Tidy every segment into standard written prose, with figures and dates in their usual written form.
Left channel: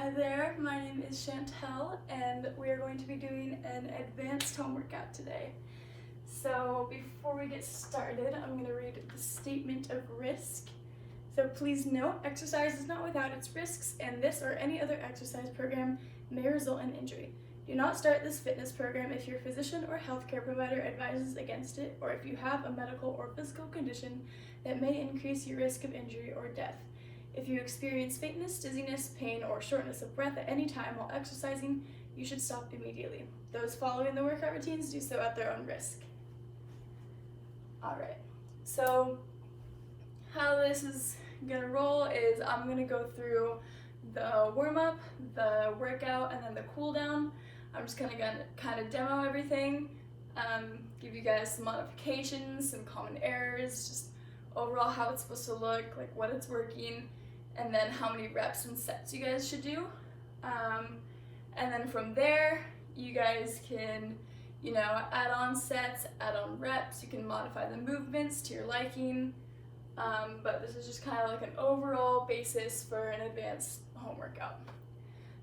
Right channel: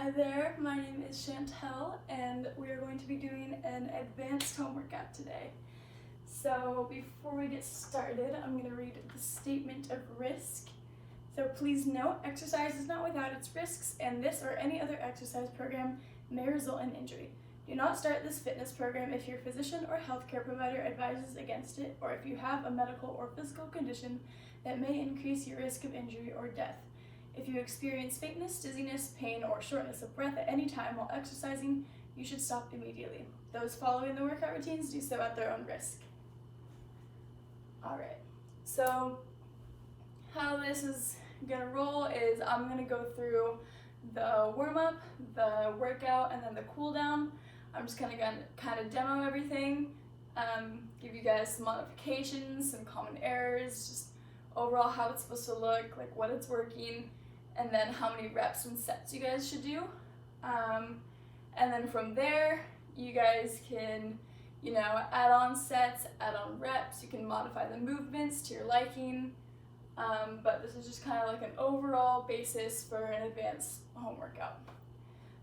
Hi there, my name is Shantyle and we are going to be doing an advanced home workout today. So before we get started, I'm going to read the statement of risk. So please note, exercise is not without its risks, and this or any other exercise program may result in injury. Do not start this fitness program if your physician or healthcare provider advises against it, or if you have a medical or physical condition that may increase your risk of injury or death. If you experience faintness, dizziness, pain, or shortness of breath at any time while exercising, you should stop immediately. Those following the workout routines do so at their own risk. Alright, so how this is gonna roll is I'm gonna go through the warm-up, the workout, and then the cool down. I'm just gonna kind of demo everything, give you guys some modifications, some common errors, just overall how it's supposed to look, like what it's working, and then how many reps and sets you guys should do. And then from there, you guys can, add on sets, add on reps, you can modify the movements to your liking, but this is just kind of like an overall basis for an advanced home workout.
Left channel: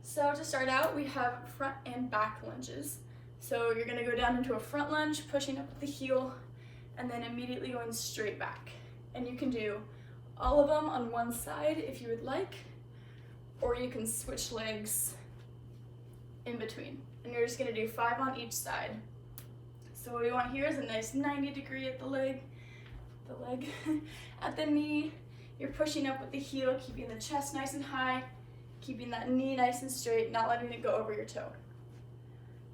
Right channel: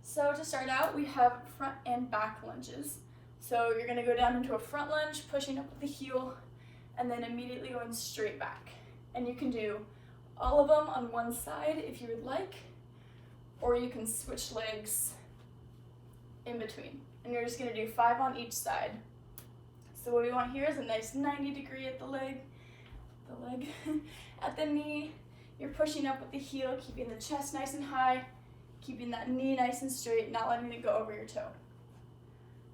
So to start out, we have front and back lunges. So you're gonna go down into a front lunge, pushing up with the heel, and then immediately going straight back. And you can do all of them on one side if you would like, or you can switch legs in between. And you're just gonna do 5 on each side. So what we want here is a nice 90-degree at the leg, at the knee. You're pushing up with the heel, keeping the chest nice and high, keeping that knee nice and straight, not letting it go over your toe.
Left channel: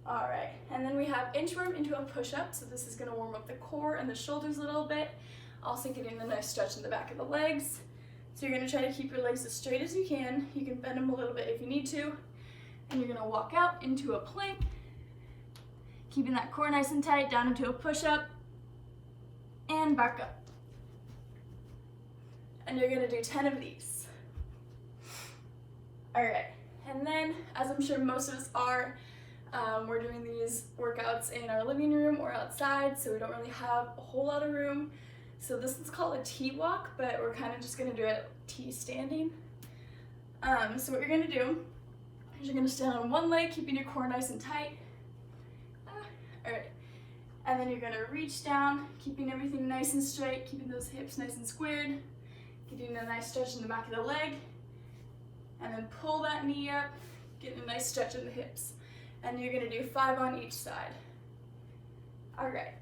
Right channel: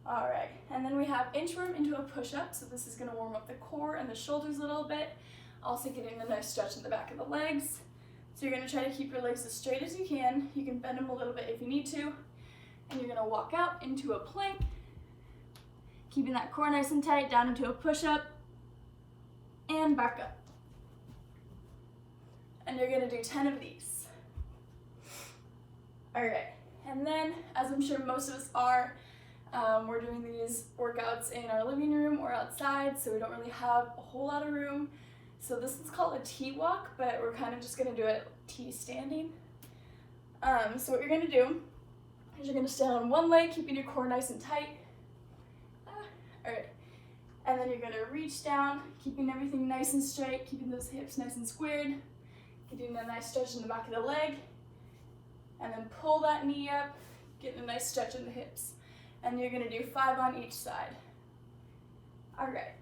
All right, and then we have inchworm into a push-up. So this is gonna warm up the core and the shoulders a little bit, also getting a nice stretch in the back of the legs. So you're gonna try to keep your legs as straight as you can. You can bend them a little bit if you need to. And you're gonna walk out into a plank, keeping that core nice and tight, down into a push-up, and back up. And you're gonna do 10 of these. All right, and then, as I'm sure most of us are, we're doing these workouts in our living room or outside, so we don't really have a whole lot of room. So this is called a T-walk, but we're kind of just gonna do it T-standing. So what you're gonna do is you're gonna stand on one leg, keeping your core nice and tight. All right, and then you're gonna reach down, keeping everything nice and straight, keeping those hips nice and squared, getting a nice stretch in the back of the leg, and then pull that knee up, getting a nice stretch in the hips. And you're gonna do 5 on each side. All right.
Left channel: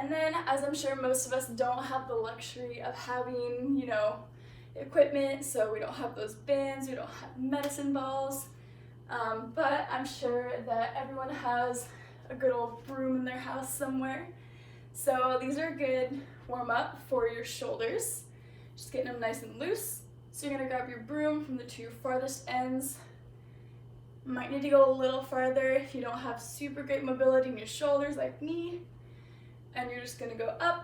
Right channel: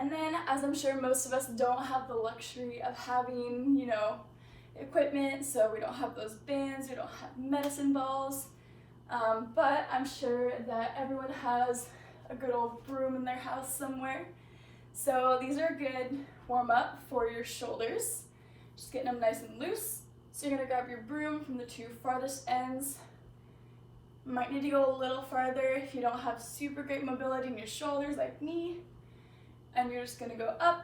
And then, as I'm sure most of us don't have the luxury of having, equipment, so we don't have those bands, we don't have medicine balls, but I'm sure that everyone has a good old broom in their house somewhere. So these are a good warm up for your shoulders, just getting them nice and loose. So you're gonna grab your broom from the 2 farthest ends. Might need to go a little farther if you don't have super great mobility in your shoulders like me. And you're just gonna go up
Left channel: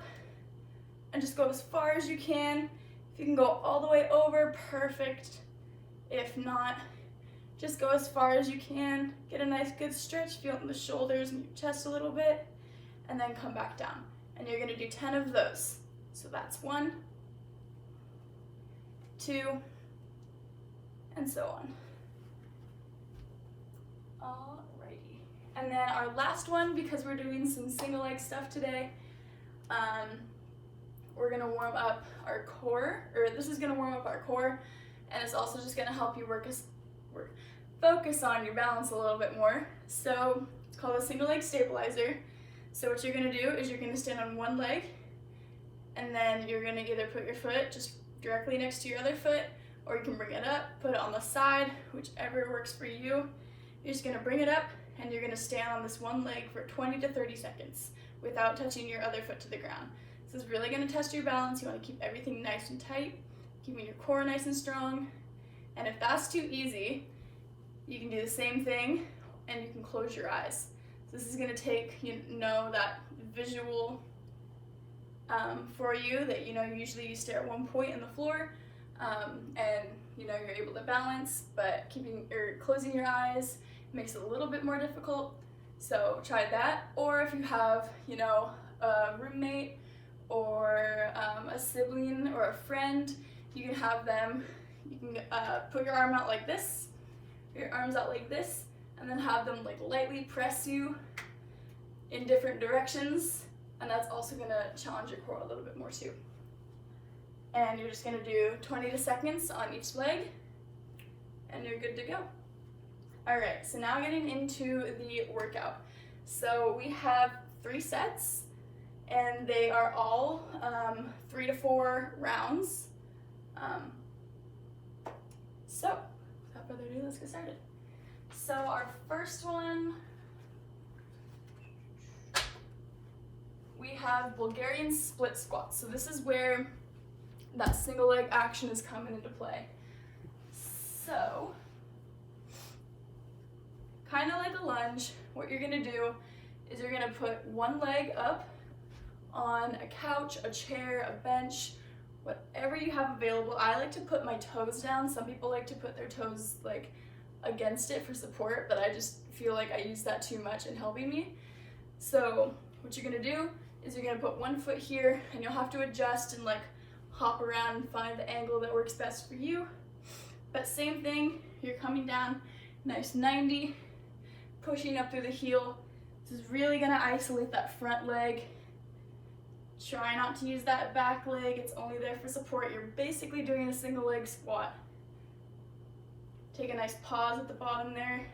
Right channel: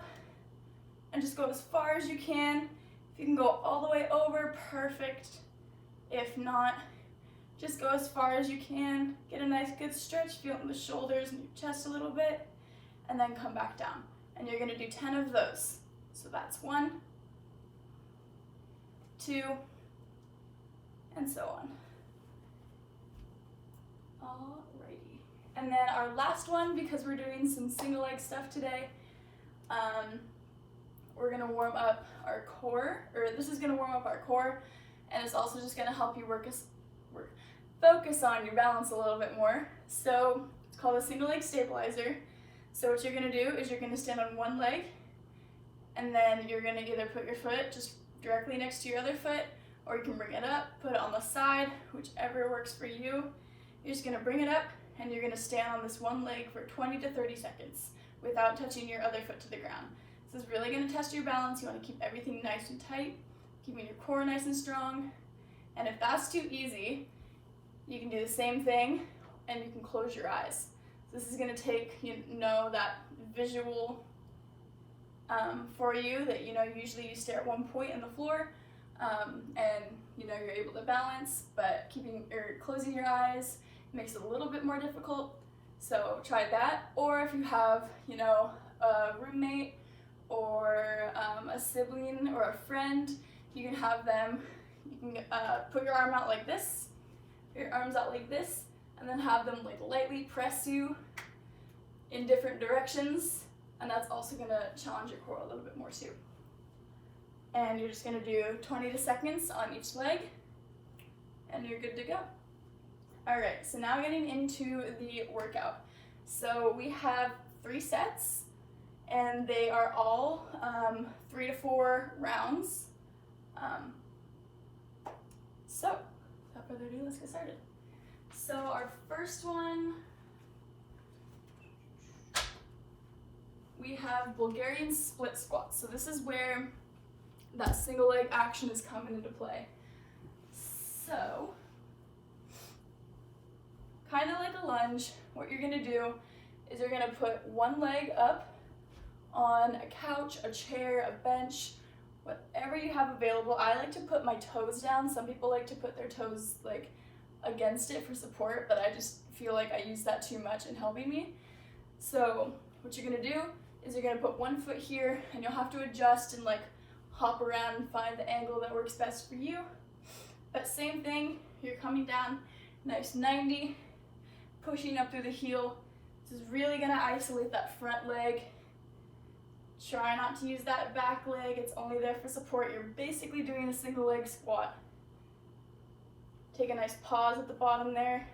and just go as far as you can. If you can go all the way over, perfect. If not, just go as far as you can. Get a nice good stretch, feel it in the shoulders and your chest a little bit, and then come back down. And you're gonna do 10 of those. So that's 1, 2, and so on. Alrighty. And then our last one, because we're doing some single leg stuff today, we're gonna warm up our core, or this is gonna warm up our core, and it's also just gonna help you focus on your balance a little bit more. So it's called a single leg stabilizer. So what you're gonna do is you're gonna stand on one leg, and then you're gonna either put your foot just directly next to your other foot, or you can bring it up, put it on the side, whichever works for you. You're just gonna bring it up, and you're gonna stand on this one leg for 20 to 30 seconds without touching your other foot to the ground. This is really gonna test your balance. You wanna keep everything nice and tight, keeping your core nice and strong. And if that's too easy, you can do the same thing, and you can close your eyes. So this is gonna take, that visual for you that, usually you stare at one point in the floor, and, you're able to balance, but closing your eyes makes it a little bit more difficult. So try that. Or if you have, a roommate or a sibling or a friend, you can have them, you can put your arm out like this, your arms out like this, and then have them like lightly press you in different directions, and that's also gonna challenge your core a little bit more too. And you're just gonna do 20 seconds on each leg, and you're good to go. All right, so now getting into the workout. So we have 3 sets, and they are all 3 to 4 rounds. So without further ado, let's get started. So our first one, we have Bulgarian split squats. So this is where that single leg action is coming into play. So, kind of like a lunge, what you're gonna do is you're gonna put one leg up on a couch, a chair, a bench, whatever you have available. I like to put my toes down. Some people like to put their toes like against it for support, but I just feel like I use that too much in helping me. So what you're gonna do is you're gonna put one foot here, and you'll have to adjust and like hop around and find the angle that works best for you. But same thing, you're coming down, nice 90, pushing up through the heel. This is really gonna isolate that front leg. Try not to use that back leg, it's only there for support. You're basically doing a single leg squat. Take a nice pause at the bottom there.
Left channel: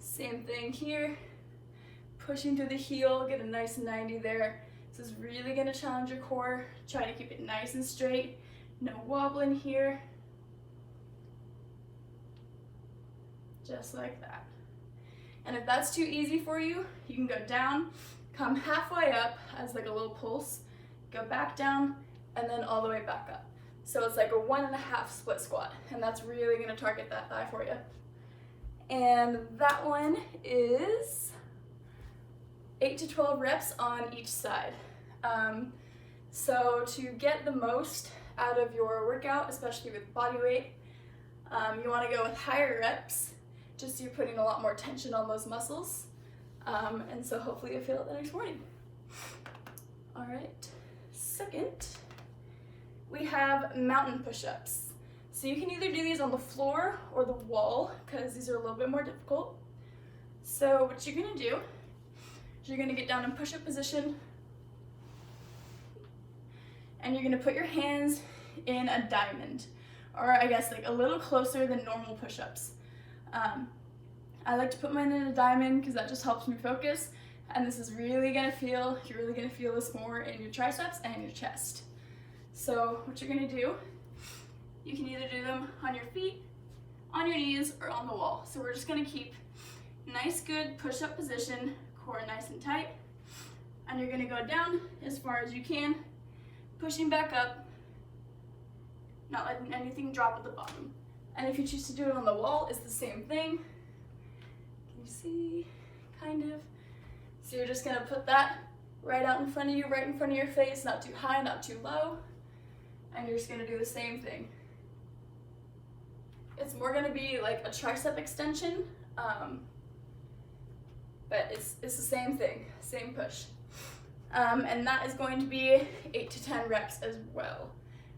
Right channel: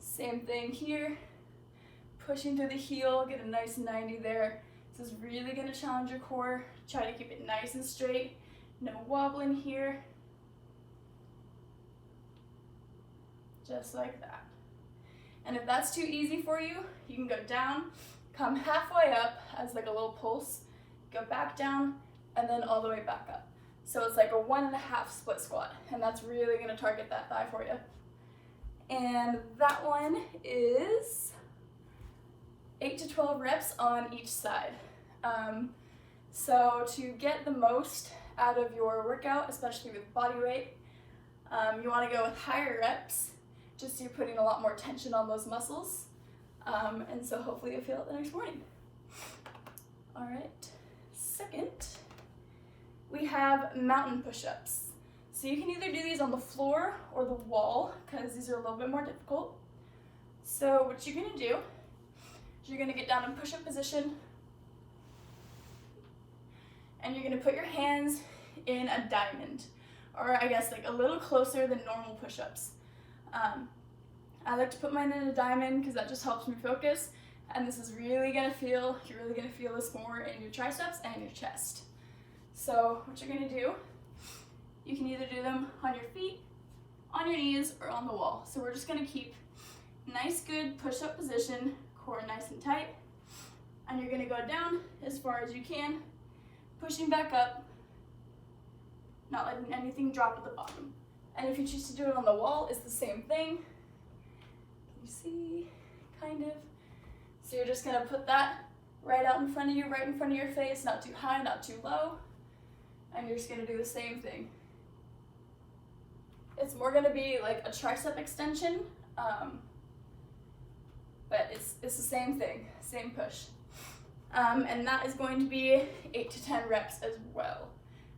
Same thing here. Pushing through the heel, get a nice 90 there. This is really gonna challenge your core. Try to keep it nice and straight. No wobbling here. Just like that. And if that's too easy for you, you can go down, come halfway up as like a little pulse, go back down, and then all the way back up. So it's like a 1.5 split squat, and that's really gonna target that thigh for you. And that one is 8 to 12 reps on each side. So to get the most out of your workout, especially with body weight, you wanna go with higher reps, just so you're putting a lot more tension on those muscles. And so hopefully you'll feel it the next morning. All right, second, we have mountain push-ups. So you can either do these on the floor or the wall, because these are a little bit more difficult. So what you're gonna do is you're gonna get down in push-up position, and you're gonna put your hands in a diamond, or I guess like a little closer than normal push-ups. I like to put mine in a diamond because that just helps me focus, and this is really gonna feel, you're really gonna feel this more in your triceps and your chest. So what you're gonna do, you can either do them on your feet, on your knees, or on the wall. So we're just gonna keep nice, good push-up position, core nice and tight, and you're gonna go down as far as you can, pushing back up, not letting anything drop at the bottom. And if you choose to do it on the wall, it's the same thing. Can you see? Kind of. So you're just gonna put that right out in front of you, right in front of your face, not too high, not too low. And you're just gonna do the same thing. It's more gonna be like a tricep extension, but it's the same thing, same push. And that is going to be 8 to 10 reps as well.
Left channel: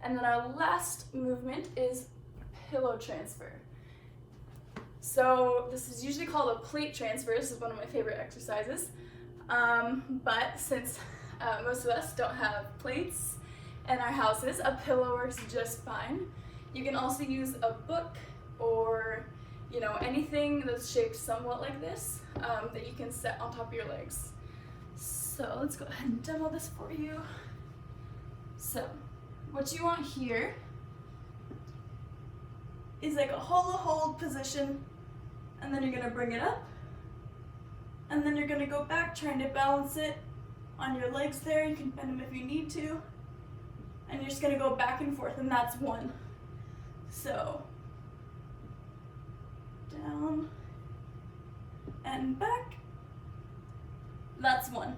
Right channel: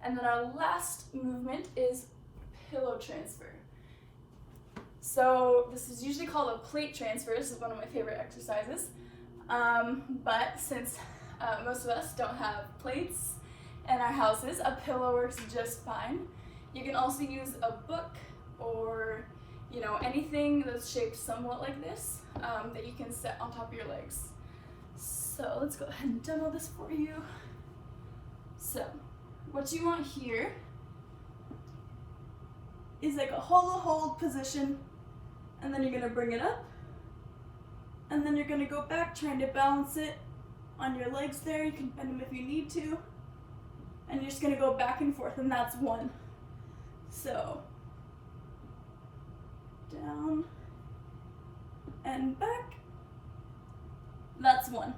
And then our last movement is pillow transfer. So this is usually called a plate transfer. This is one of my favorite exercises. But since most of us don't have plates in our houses, a pillow works just fine. You can also use a book or anything that's shaped somewhat like this that you can set on top of your legs. So let's go ahead and demo this for you. So what you want here is like a hula hold position, and then you're gonna bring it up, and then you're gonna go back trying to balance it on your legs there. You can bend them if you need to, and you're just gonna go back and forth, and that's one. So down and back, that's one.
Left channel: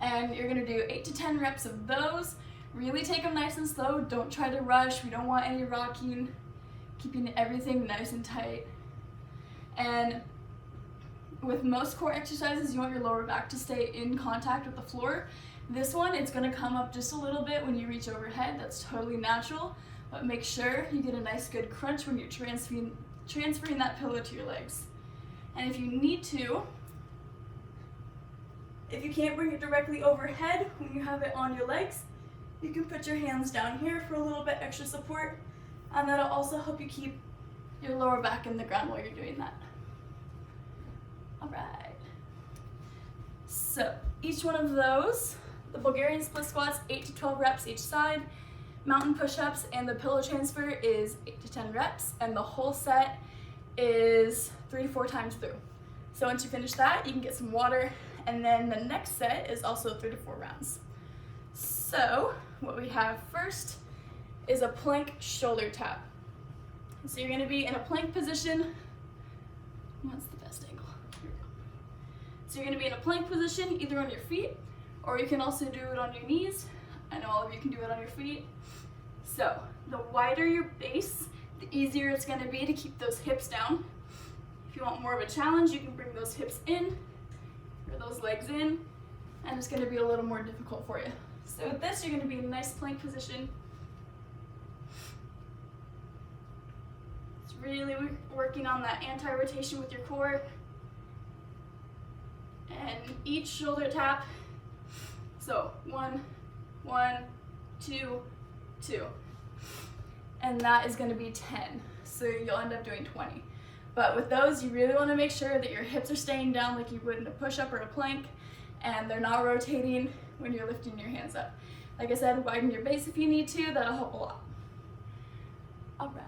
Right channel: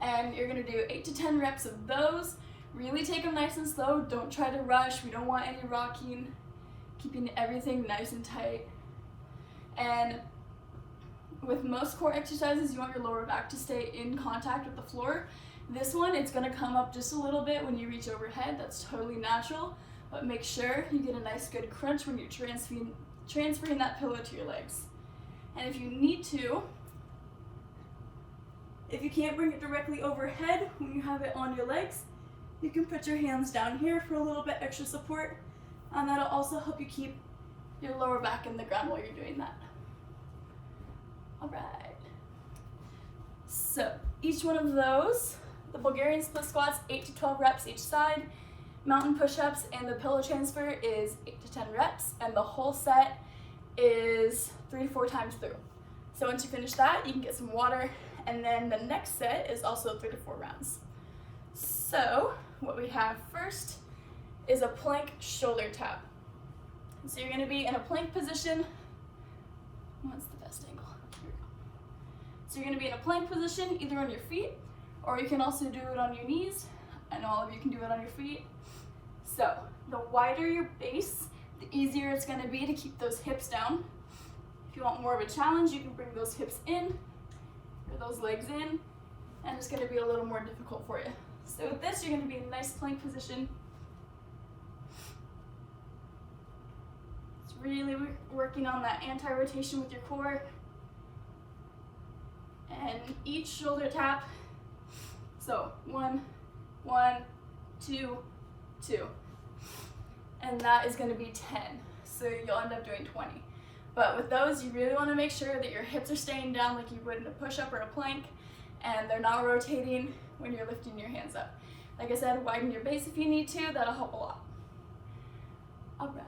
And you're gonna do 8 to 10 reps of those. Really take them nice and slow. Don't try to rush. We don't want any rocking. Keeping everything nice and tight. And with most core exercises, you want your lower back to stay in contact with the floor. This one, it's gonna come up just a little bit when you reach overhead. That's totally natural, but make sure you get a nice good crunch when you're transferring that pillow to your legs. And if you need to, if you can't bring it directly overhead when you have it on your legs, you can put your hands down here for a little bit extra support, and that'll also help you keep your lower back in the ground while you're doing that. All right. So each one of those, the Bulgarian split squats, 8 to 12 reps each side, mountain push-ups, and the pillow transfer is 8 to 10 reps, and the whole set is 3 to 4 times through. So once you finish that, you can get some water, and then the next set is also 3 to 4 rounds. So what we have first is a plank shoulder tap. So you're gonna be in a plank position. What's the best angle? Here we go. So you're gonna be in a plank position, either on your feet, or you can also do it on your knees. I know all of you can do it on your feet. So the wider your base, the easier it's gonna be to keep those hips down. If you want more of a challenge, you can bring those hips in, or those legs in, and it's gonna be a little more difficult for you. So with this, you're gonna be in a nice plank position. It's really working on that anti-rotation with your core. And each shoulder tap, so 1, 1, 2, 2. And that is gonna be 10. So you'll end up doing 20. But with those, you really wanna make sure that your hips are staying down like you would in a push-up or a plank, and they're not rotating when you're lifting your hands up. Like I said, widen your base if you need to, that'll help a lot. All right.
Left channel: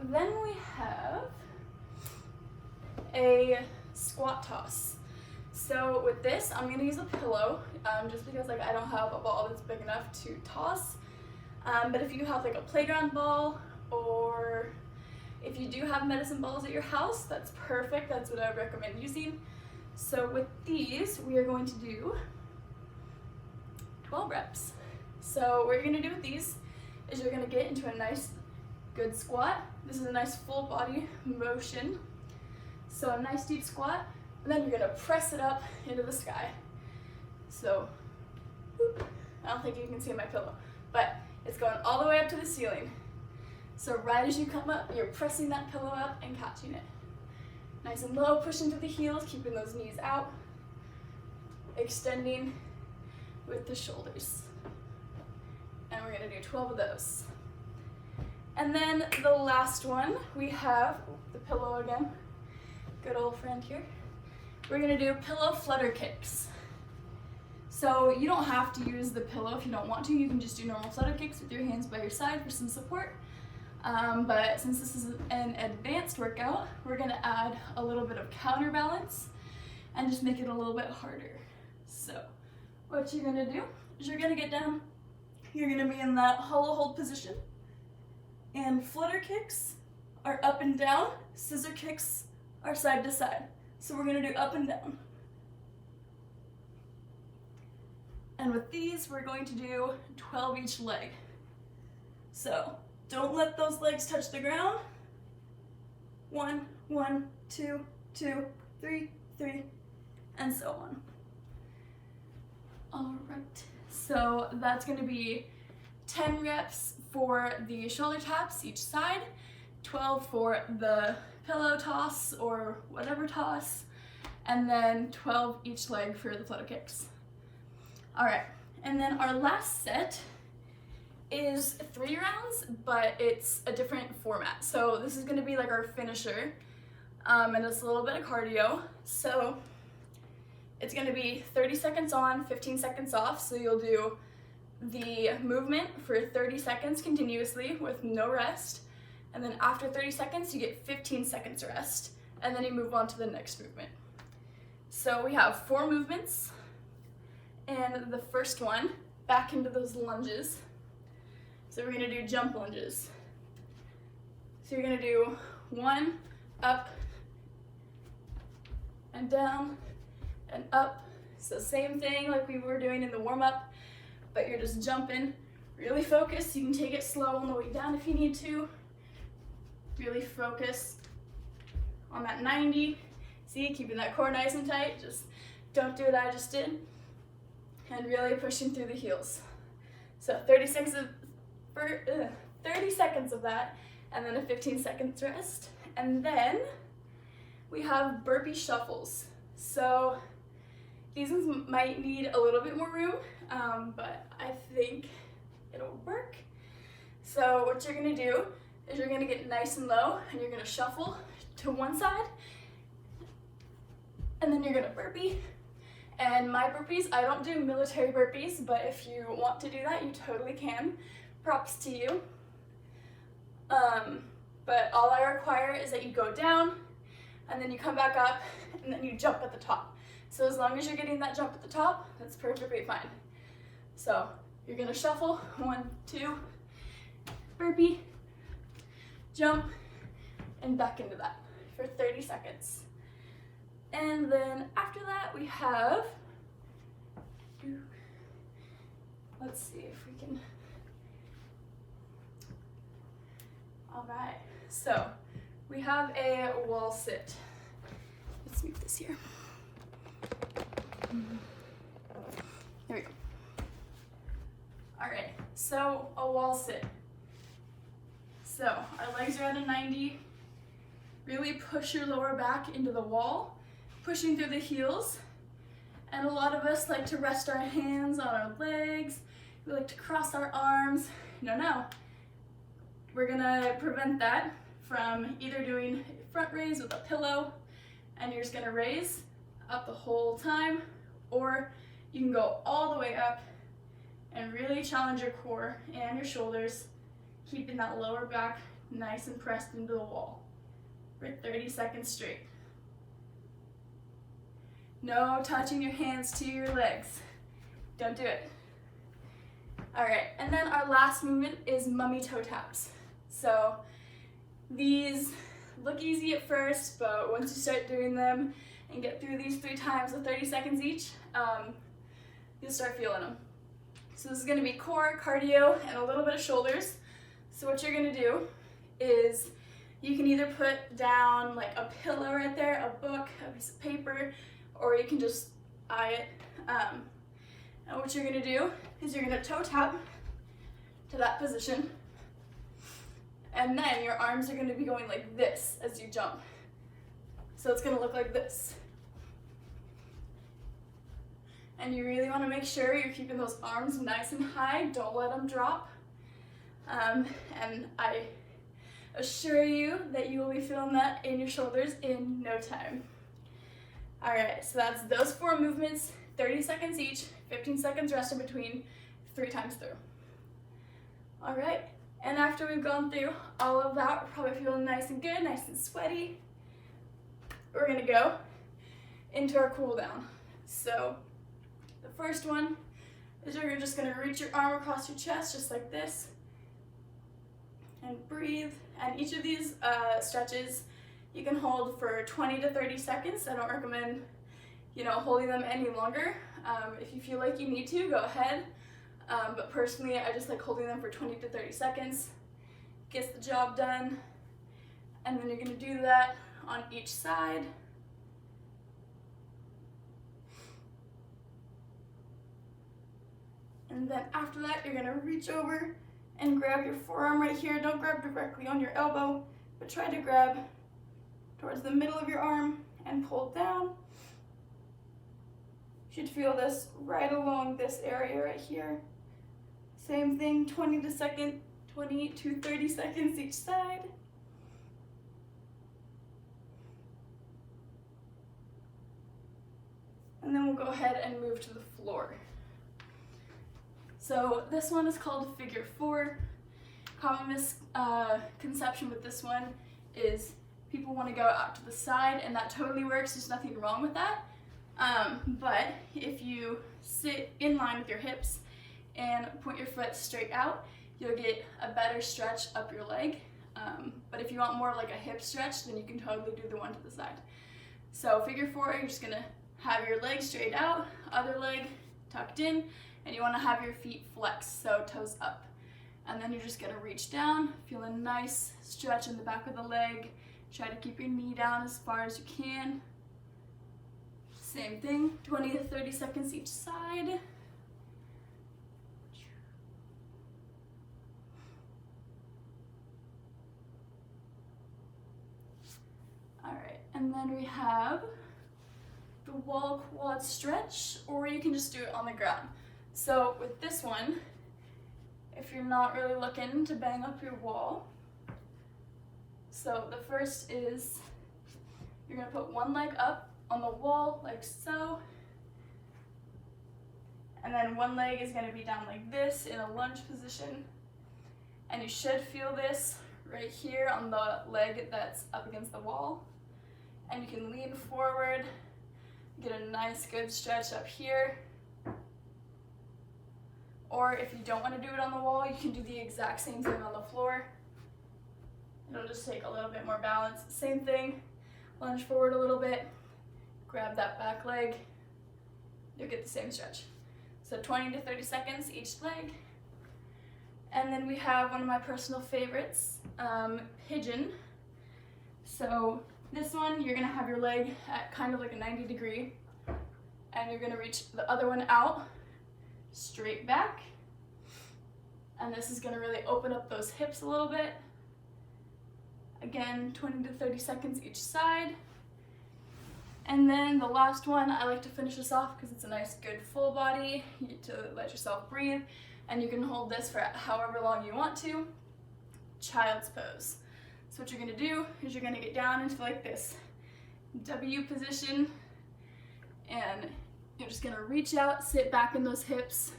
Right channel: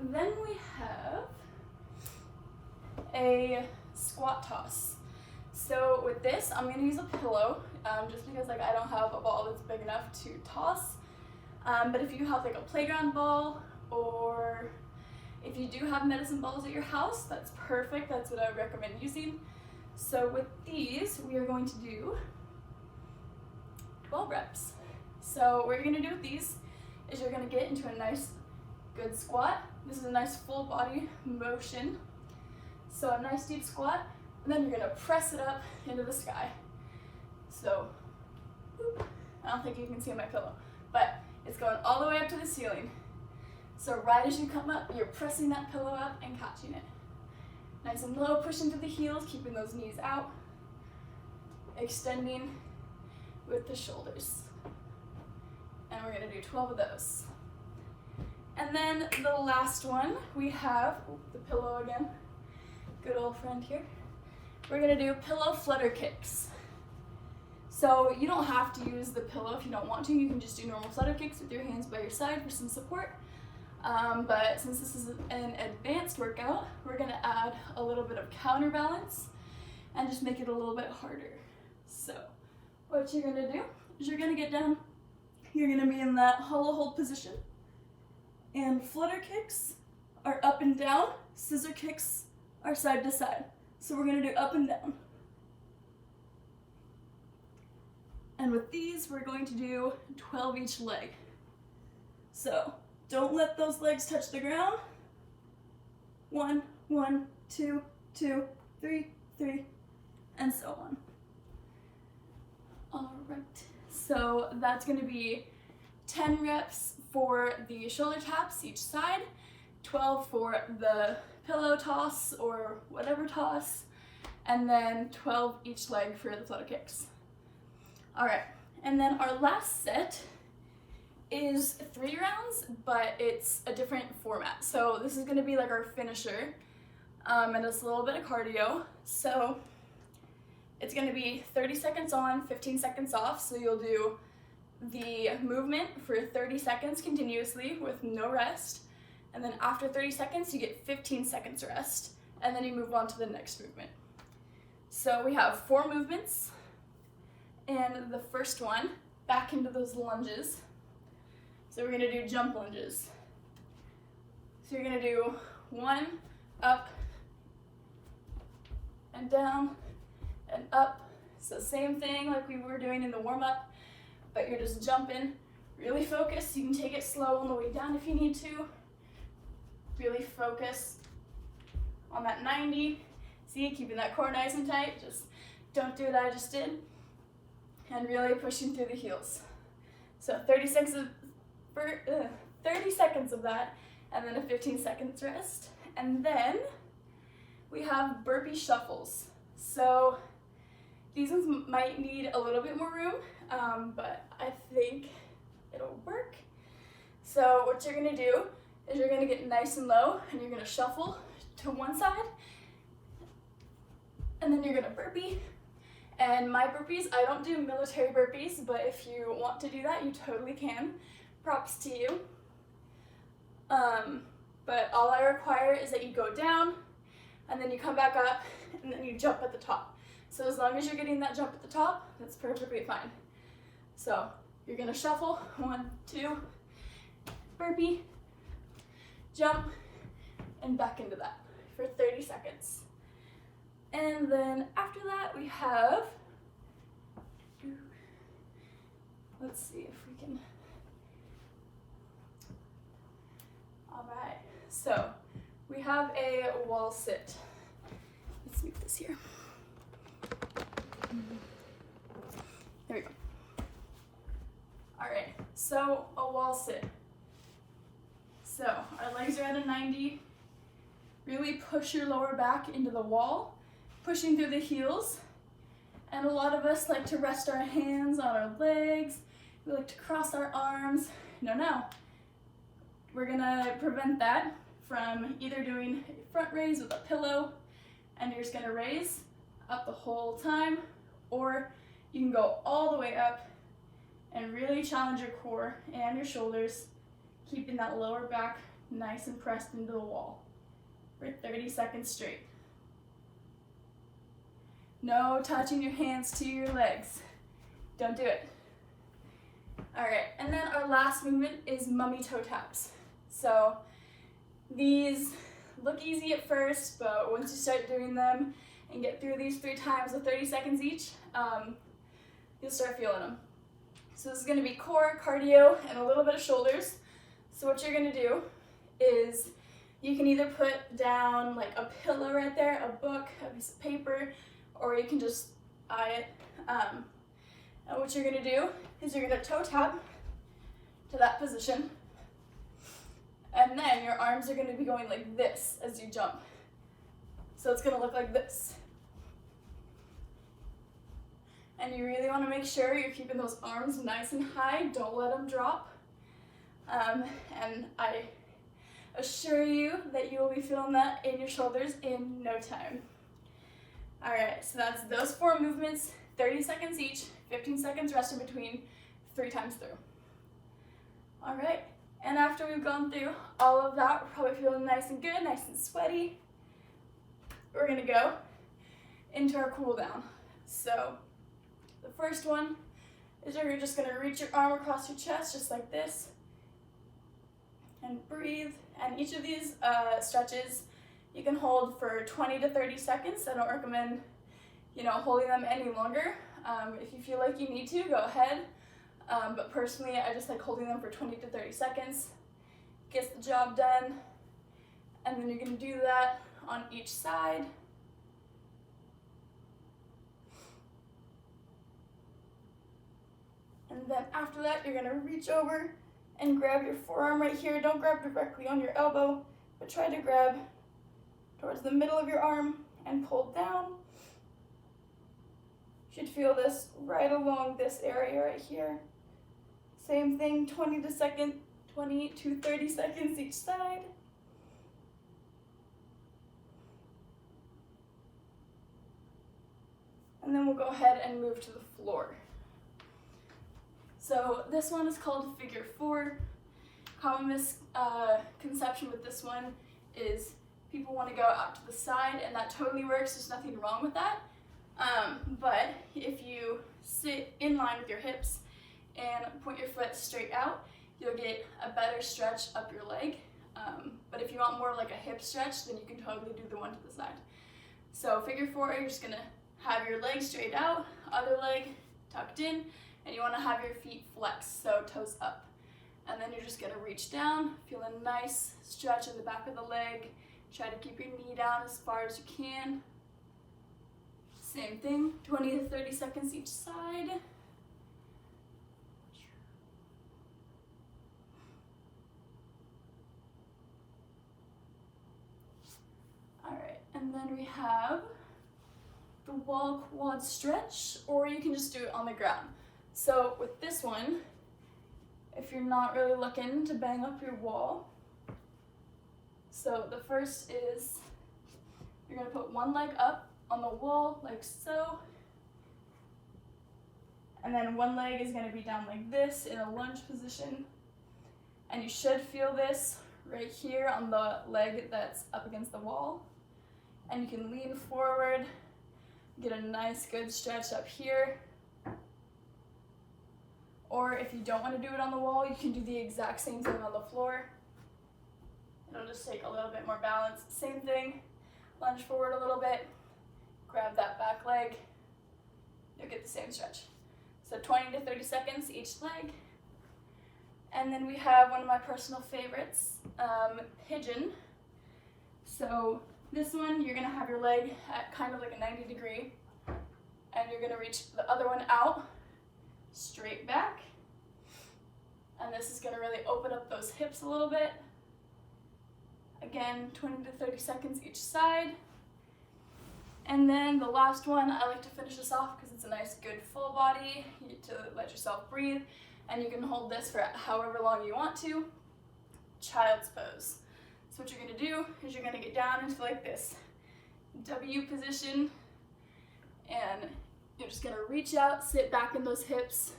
Then we have a squat toss. So with this, I'm gonna use a pillow, just because like I don't have a ball that's big enough to toss. But if you have like a playground ball, or if you do have medicine balls at your house, that's perfect. That's what I would recommend using. So with these, we are going to do 12 reps. So what you're gonna do with these is you're gonna get into a nice, good squat. This is a nice full body motion. So a nice deep squat, and then you're gonna press it up into the sky. So, whoop. I don't think you can see my pillow, but it's going all the way up to the ceiling. So right as you come up, you're pressing that pillow up and catching it. Nice and low, pushing through the heels, keeping those knees out. Extending with the shoulders. And we're gonna do 12 of those. And then the last one, we have the pillow again. Good old friend here. We're gonna do pillow flutter kicks. So you don't have to use the pillow if you don't want to. You can just do normal flutter kicks with your hands by your side for some support. But since this is an advanced workout, we're gonna add a little bit of counterbalance and just make it a little bit harder. So what you're gonna do is you're gonna get down, you're gonna be in that hollow hold position, and flutter kicks are up and down, scissor kicks are side to side. So we're gonna do up and down. And with these, we're going to do 12 each leg. So don't let those legs touch the ground. 1, 1, 2, 2, 3, 3, and so on. All right, so that's gonna be 10 reps for the shoulder taps each side, 12 for the pillow toss or whatever toss, and then 12 each leg for the flutter kicks. All right, and then our last set is 3 rounds, but it's a different format. So this is gonna be like our finisher, and it's a little bit of cardio. So it's gonna be 30 seconds on, 15 seconds off. So you'll do the movement for 30 seconds continuously with no rest. And then after 30 seconds, you get 15 seconds rest. And then you move on to the next movement. So we have 4 movements. And the first one, back into those lunges. So we're gonna do jump lunges. So you're gonna do 1, up, and down, and up. So same thing like we were doing in the warm-up, but you're just jumping. Really focus. You can take it slow on the way down if you need to. Really focus on that 90. See, keeping that core nice and tight. Just don't do what I just did. And really pushing through the heels. So 30 seconds of that, and then a 15 seconds rest. And then we have burpee shuffles. So these ones might need a little bit more room, but I think it'll work. So what you're gonna do is you're gonna get nice and low and you're gonna shuffle to one side, and then you're gonna burpee. And my burpees, I don't do military burpees, but if you want to do that, you totally can. Props to you. But all I require is that you go down, and then you come back up, and then you jump at the top. So as long as you're getting that jump at the top, that's perfectly fine. So you're gonna shuffle, 1, 2, burpee, jump, and back into that for 30 seconds. And then after that we have, let's see if we can, all right, so we have a wall sit. Let's move this here. There we go. All right, so a wall sit. So our legs are at a 90. Really push your lower back into the wall, pushing through the heels. And a lot of us like to rest our hands on our legs. We like to cross our arms. No. We're gonna prevent that from either doing front raise with a pillow and you're just gonna raise up the whole time, or you can go all the way up and really challenge your core and your shoulders, keeping that lower back nice and pressed into the wall for 30 seconds straight. No touching your hands to your legs. Don't do it. All right, and then our last movement is mummy toe taps. So these look easy at first, but once you start doing them and get through these 3 times with 30 seconds each, you'll start feeling them. So this is gonna be core, cardio, and a little bit of shoulders. So what you're gonna do is you can either put down like a pillow right there, a book, a piece of paper, or you can just eye it. And what you're gonna do is you're gonna toe tap to that position, and then your arms are gonna be going like this as you jump. So it's gonna look like this. And you really wanna make sure you're keeping those arms nice and high, don't let them drop. And I assure you that you will be feeling that in your shoulders in no time. All right, so that's those 4 movements, 30 seconds each, 15 seconds rest in between, 3 times through. All right, and after we've gone through all of that, we're probably feeling nice and good, nice and sweaty. We're gonna go into our cool down. So the first one is you're just gonna reach your arm across your chest just like this and breathe. And each of these stretches you can hold for 20 to 30 seconds. I don't recommend, holding them any longer. If you feel like you need to, go ahead. But personally, I just like holding them for 20 to 30 seconds. Gets the job done. And then you're gonna do that on each side. And then after that, you're gonna reach over and grab your forearm right here. Don't grab directly on your elbow, but try to grab towards the middle of your arm and pull down. You should feel this right along this area right here. Same thing, 20 to 30 seconds each side. And then we'll go ahead and move to the floor. So this one is called figure 4. Common misconception with this one is people want to go out to the side, and that totally works. There's nothing wrong with that. But if you sit in line with your hips and point your foot straight out, you'll get a better stretch up your leg. But if you want more like a hip stretch, then you can totally do the one to the side. So figure 4, you're just gonna have your leg straight out, other leg tucked in, and you want to have your feet flexed, so toes up. And then you're just gonna reach down, feel a nice stretch in the back of the leg. Try to keep your knee down as far as you can. Same thing, 20 to 30 seconds each side. And then we have the wall quad stretch, or you can just do it on the ground. So with this one, if you're not really looking to bang up your wall, so the first is you're gonna put one leg up on the wall like so, and then one leg is gonna be down like this in a lunge position. And you should feel this right here on the leg that's up against the wall. And you can lean forward, get a nice good stretch up here. Or if you don't want to do it on the wall, you can do the exact same thing on the floor. It'll just take a little bit more balance. Same thing, lunge forward a little bit, grab that back leg, you'll get the same stretch. So 20 to 30 seconds each leg. And then we have one of my personal favorites, Pigeon. So this one, you're gonna have your leg at kind of like a 90 degree, and you're gonna reach the other one out, straight back. And this is gonna really open up those hips a little bit. Again, 20 to 30 seconds each side. And then the last one, I like to finish this off because it's a nice, good full body. You get to let yourself breathe, and you can hold this for however long you want to. Child's pose. So what you're gonna do is you're gonna get down into like this W position, and you're just gonna reach out, sit back in those hips.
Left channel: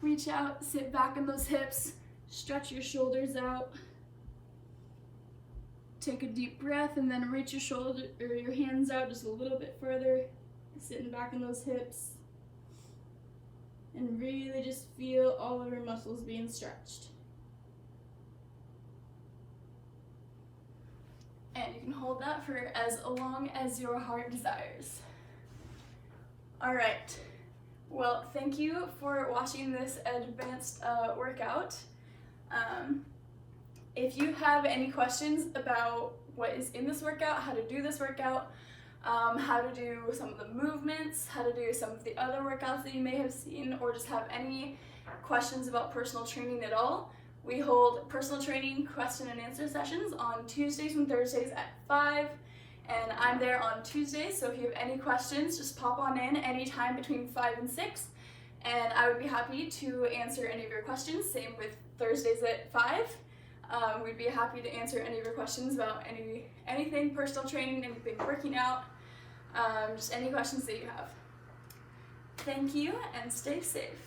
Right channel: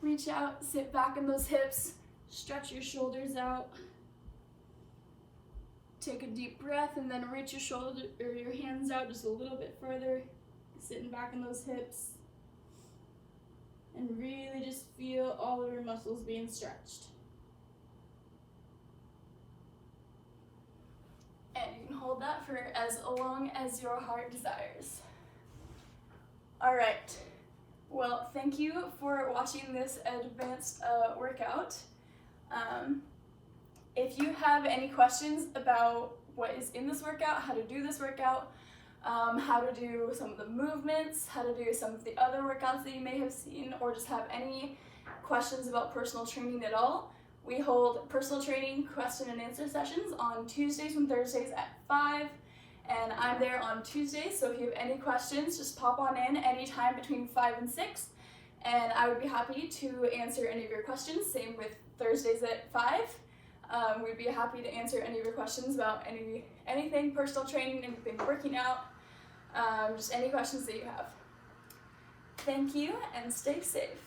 Reach out, sit back in those hips, stretch your shoulders out. Take a deep breath and then reach your shoulder or your hands out just a little bit further, sitting back in those hips. And really just feel all of your muscles being stretched. And you can hold that for as long as your heart desires. All right, well, thank you for watching this advanced workout. If you have any questions about what is in this workout, how to do this workout, how to do some of the movements, how to do some of the other workouts that you may have seen, or just have any questions about personal training at all, we hold personal training question and answer sessions on Tuesdays and Thursdays at 5, and I'm there on Tuesdays, so if you have any questions, just pop on in anytime between 5 and 6, and I would be happy to answer any of your questions. Same with Thursdays at 5. We'd be happy to answer any of your questions about anything personal training, anything working out, just any questions that you have. Thank you, and stay safe.